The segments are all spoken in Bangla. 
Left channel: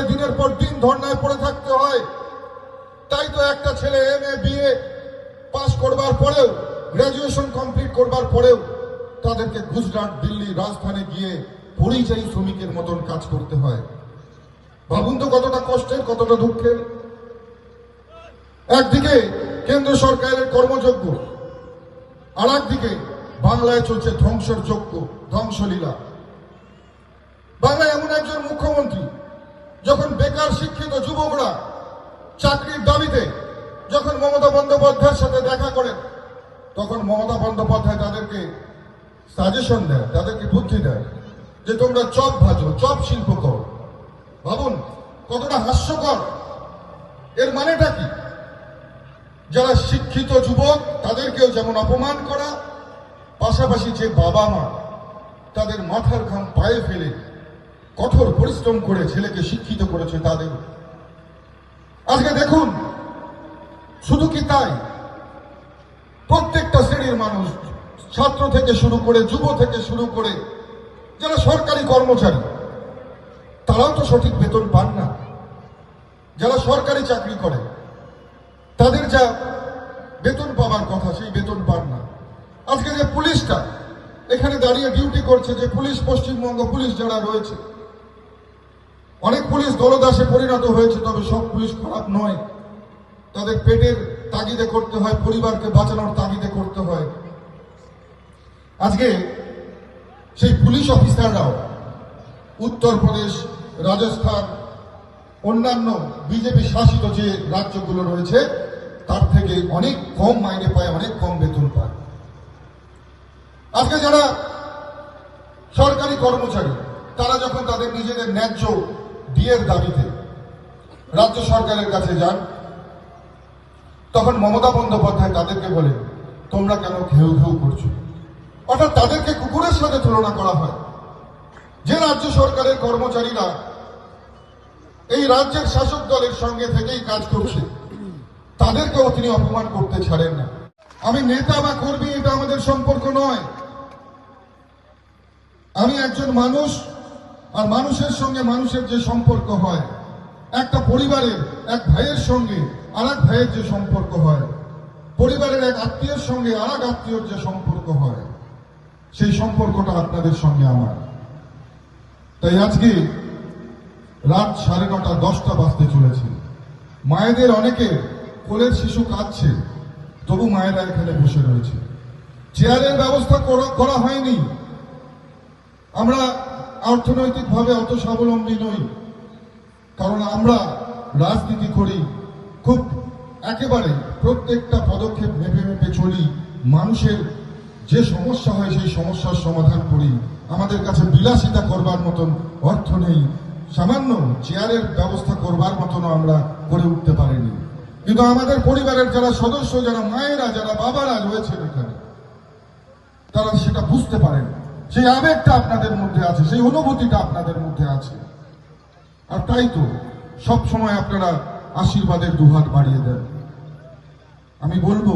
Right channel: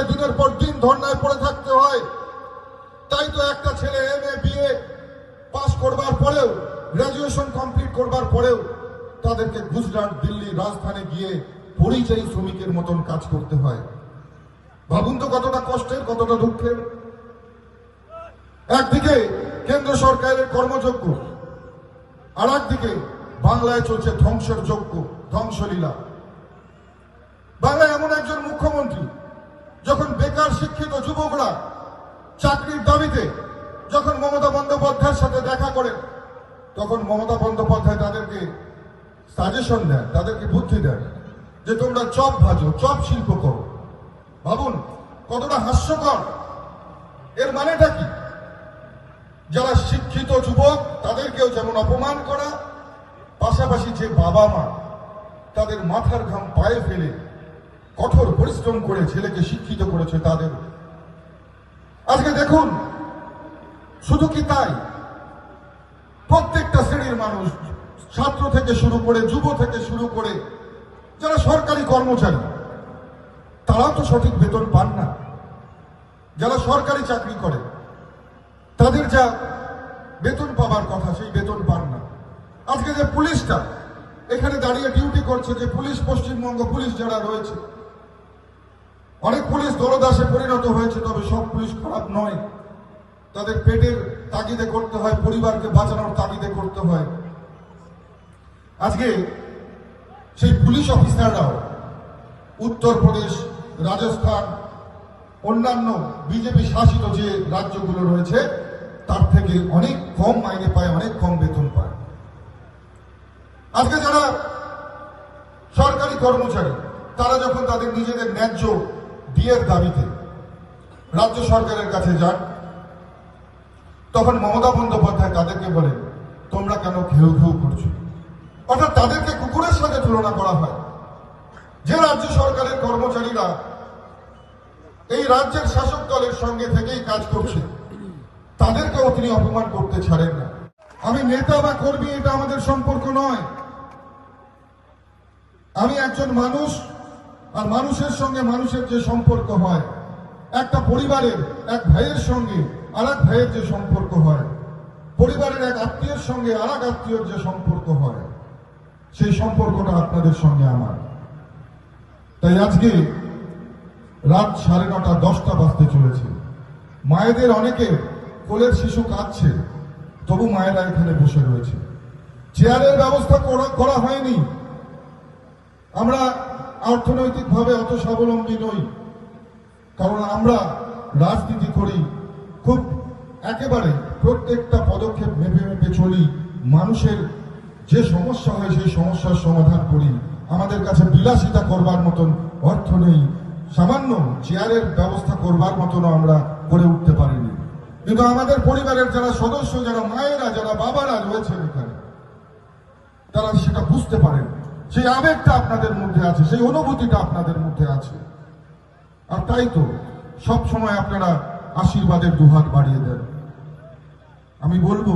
হয় দিনের পর দিন ধর্নায় পড়ে থাকতে হয়। তাই তো একটা ছেলে এম এ বিএ পাস করবার পরেও গ্রাজুয়েশন কমপ্লিট করবার পরেও তাদেরকে গুজরাট, দিল্লি, রাজধানী গিয়ে পরিযায়ী শ্রমিকের মতন কাজ করতে হয়। ভাবুন তো কতটা কষ্টের কতটা দুঃখের একদিকে কেন্দ্র সরকারের কর্মযোগ্য আর একদিকে বাংলায় চলছে ধ্বংসের যোগ্য ধ্বংসলীলা। বাংলায় এমন একজন মুখ্যমন্ত্রী যখন বেকার শিক্ষিত যুবকরা চাকরির দাবিতে যখন মমতা বন্দ্যোপাধ্যায়ের সাথে দেখা করেন, তখন মমতা বন্দ্যোপাধ্যায় তাদেরকে সাজেশন দেয় তাদেরকে বুদ্ধি দেয় যে তোমরা চপ ভাজো, চপ শিল্প করো। ভাবুন, কতটা হাস্যকর। এর মানেটা কি? যারা শিক্ষিত যুবক, তাদেরকেও যেমন অপমান করা, পাশাপাশি যে বাবা মা তাদের মাথার ঘাম পায়ে ফেলে কঠোর পরিশ্রম করে ছেলেকে শিক্ষিত করেছে তাদের আজকে দেখুন, শুধু কি তাই? প্রত্যেকটা শ্রেণির মানুষ, ছাত্র থেকে শুরু করে যুব থেকে শুরু করে যারা সরকারি কর্মচারী, তারাও তো সঠিক বেতন পান না। যারা সরকারি চাকরি করে, তাদের যা বেতন পাওয়ার কথা, সেই বেতন পান না। আজকে যে পুলিশটা, এখানে দাঁড়িয়ে ডিউটি করছে যে পুলিশ, পশ্চিমবঙ্গ পুলিশ যারা রয়েছে পুলিশ দলদাসে পরিণত হয়েছে, তবে সব পুলিশ খারাপ নয়। তাদের পেটের তাগিদে করতে হয়, পরিবারকে বাঁচানোর তাগিদে করতে হয়। আজকে সেই পুলিশ অফিসাররাও উত্তরপ্রদেশ, রাজস্থান, অন্যান্য বিজেপি শাসিত যে রাজ্যগুলো রয়েছে, তার থেকে অনেক কম মাইনে পায়, অনেক কম বেতন পায়। আজকে যারা সরকারি কর্মচারী, তারা যখন তাদের নিজেদের ন্যায্য বিয়ের দাবিতে রাজ্য সরকারের কাছে যান, তখন মমতা বন্দ্যোপাধ্যায় তাদেরকে বলে তোমরা কেন ঘেউ ঘেউ করছ? অর্থাৎ তাদেরকে কুকুরের সাথে তুলনা করা হয়। যে রাজ্য সরকারের কর্মচারীরা এই রাজ্যের শাসক দলের সঙ্গে থেকেই কাজ করছে, তাদেরকেও তিনি অপমান করতে ছাড়েন না। আমি নেতা বা কর্মী, এটা আমাদের সম্পর্ক নয়। আমি একজন মানুষ আর মানুষের সঙ্গে মানুষের যে সম্পর্ক হয়, একটা পরিবারের এক ভাইয়ের সঙ্গে আর এক ভাইয়ের যে সম্পর্ক হয়, পরিবারের এক আত্মীয়ের সঙ্গে আর এক আত্মীয়র যে সম্পর্ক হয়, সেই সম্পর্কটা আপনাদের সঙ্গে আমার। তাই আজকে রাত সাড়ে নটা, দশটা বাজতে চলেছে। মায়েদের অনেকে কোলের শিশু কাঁদছে, তবু মায়েরা এখানে বসে রয়েছে। চেয়ারের ব্যবস্থা করা- করা হয়নি। আমরা অর্থনৈতিকভাবে অত স্বাবলম্বী নই। কারণ আমরা রাজনীতি করি, খুব একেবারে প্রত্যেকটা পদক্ষেপ ভেবে ভেবে চলি, মানুষের যে সমস্যা হয় সেই সমস্যার সমাধান করি। আমাদের কাছে বিলাসিতা করবার মতন অর্থ নেই, সামান্য চেয়ারের ব্যবস্থা করবার মতন আমরা করে উঠতে পারিনি। কিন্তু আমাদের পরিবারের যারা সদস্য, যারা মায়েরা, যারা বাবারা রয়েছেন এখানে, তারা সেটা বুঝতে পারেন। সেই আবেগটা আপনাদের মধ্যে আছে, সেই অনুভূতিটা আপনাদের মধ্যে আছে। আর তাই তো সবসময় আপনারা আশীর্বাদের দুহাত বাড়িয়ে দেন। আমি বলব,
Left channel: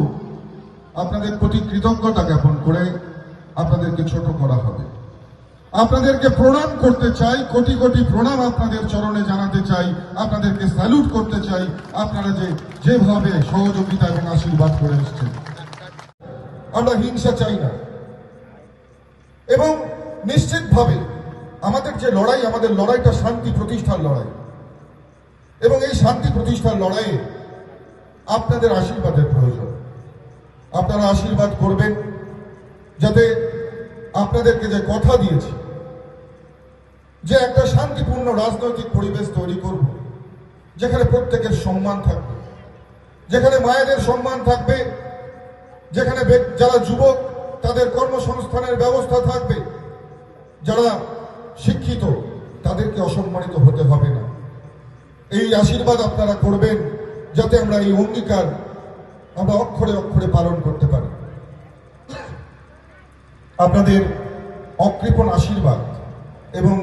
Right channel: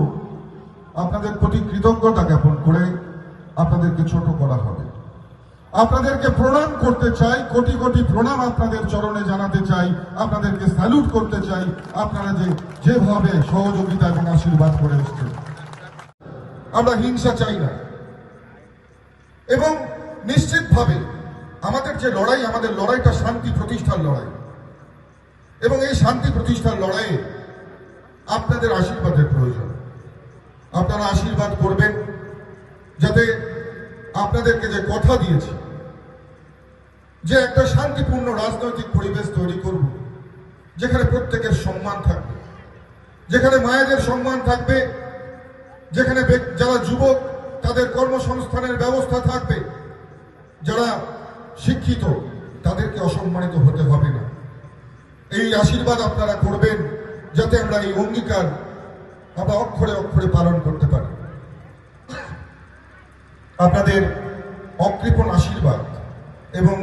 আপনাদের প্রতি কৃতজ্ঞতা জ্ঞাপন করে আপনাদেরকে ছোট করা হবে। আপনাদেরকে প্রণাম করতে চাই, কোটি কোটি প্রণাম আপনাদের চরণে জানাতে চাই, আপনাদেরকে স্যালুট করতে চাই, আপনারা যে যেভাবে সহযোগিতা এবং আশীর্বাদ করে এসছেন। আমরা হিংসা চাই না। এবং নিশ্চিতভাবে আমাদের যে লড়াই, আমাদের লড়াইটা শান্তি প্রতিষ্ঠার লড়াই। এবং এই শান্তি প্রতিষ্ঠার লড়াইয়ে আপনাদের আশীর্বাদের প্রয়োজন। আপনারা আশীর্বাদ করবেন যাতে আপনাদেরকে যে কথা দিয়েছি, যে একটা শান্তিপূর্ণ রাজনৈতিক পরিবেশ তৈরি করব, যেখানে প্রত্যেকের সম্মান থাকবে, যেখানে মায়েদের সম্মান থাকবে, যেখানে যারা যুবক তাদের কর্মসংস্থানের ব্যবস্থা থাকবে। যারা শিক্ষিত, তাদেরকে অসম্মানিত হতে হবে না। এই আশীর্বাদ আপনারা করবেন যাতে আমরা এই অঙ্গীকার আমরা অক্ষরে অক্ষরে পালন করতে পারি। আপনাদের অকৃপণ আশীর্বাদ এবং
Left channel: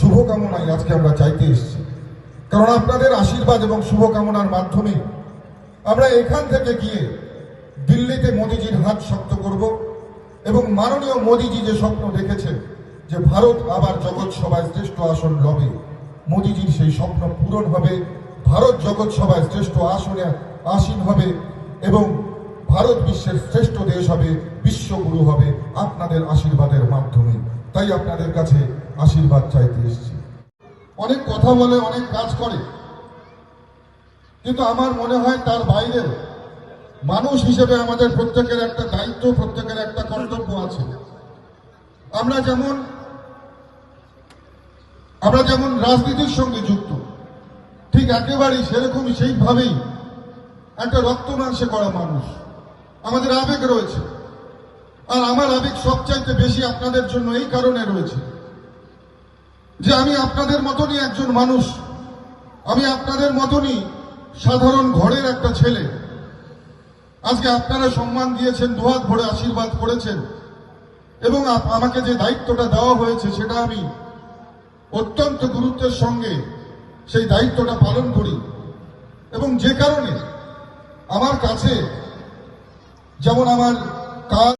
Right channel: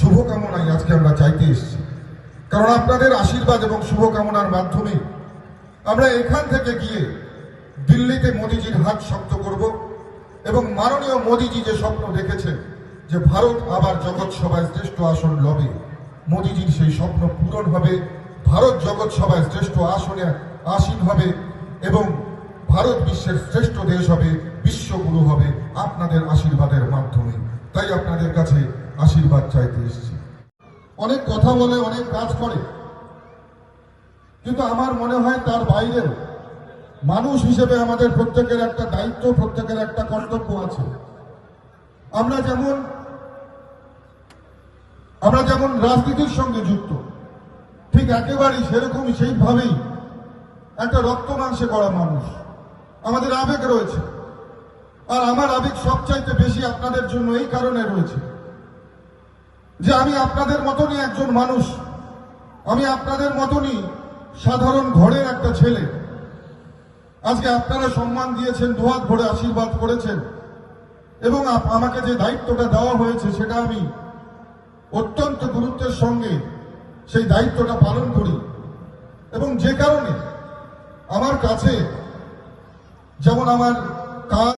শুভকামনায় আজকে আমরা চাইতে এসেছি। কারণ আপনাদের আশীর্বাদ এবং শুভকামনার মাধ্যমে আমরা এখান থেকে গিয়ে দিল্লিতে মোদিজির হাত শক্ত করব এবং মাননীয় মোদিজি যে স্বপ্ন দেখেছেন যে ভারত আবার জগৎ সভায় শ্রেষ্ঠ আসন লবে, মোদিজির সেই স্বপ্ন পূরণ হবে, ভারত জগৎ সভায় শ্রেষ্ঠ আসনে আসীন হবে এবং ভারত বিশ্বের শ্রেষ্ঠ দেশ হবে, বিশ্বগুরু হবে আপনাদের আশীর্বাদের মাধ্যমে। তাই আপনাদের কাছে আশীর্বাদ চাইতে এসেছি। অনেক কথা বলে, অনেক কাজ করে, কিন্তু আমার মনে হয় তার বাইরে মানুষ হিসেবে আমাদের প্রত্যেকের একটা দায়িত্ব, প্রত্যেকের একটা কর্তব্য আছে। আমরা যেমন আমরা যেমন রাজনীতির সঙ্গে যুক্ত, ঠিক একেবারেই সেরকম সেইভাবেই একটা রক্ত মাংসে করা মানুষ। আমাদের আবেগ রয়েছে। আর আমার আবেগ সবচাইতে বেশি আপনাদের জন্য এই কারণে রয়েছে যে আমি আপনাদের মতনই একজন মানুষ। আমি আপনাদের মতনই সাধারণ ঘরের একটা ছেলে। আজকে আপনারা সম্মান দিয়েছেন দুহাত ভরে আশীর্বাদ করেছেন। এবং আমাকে যে দায়িত্বটা দেওয়া হয়েছে সেটা আমি অত্যন্ত গুরুত্বের সঙ্গে সেই দায়িত্বটা পালন করি। এবং যে কারণে আমার কাছে যেমন আমার কাজ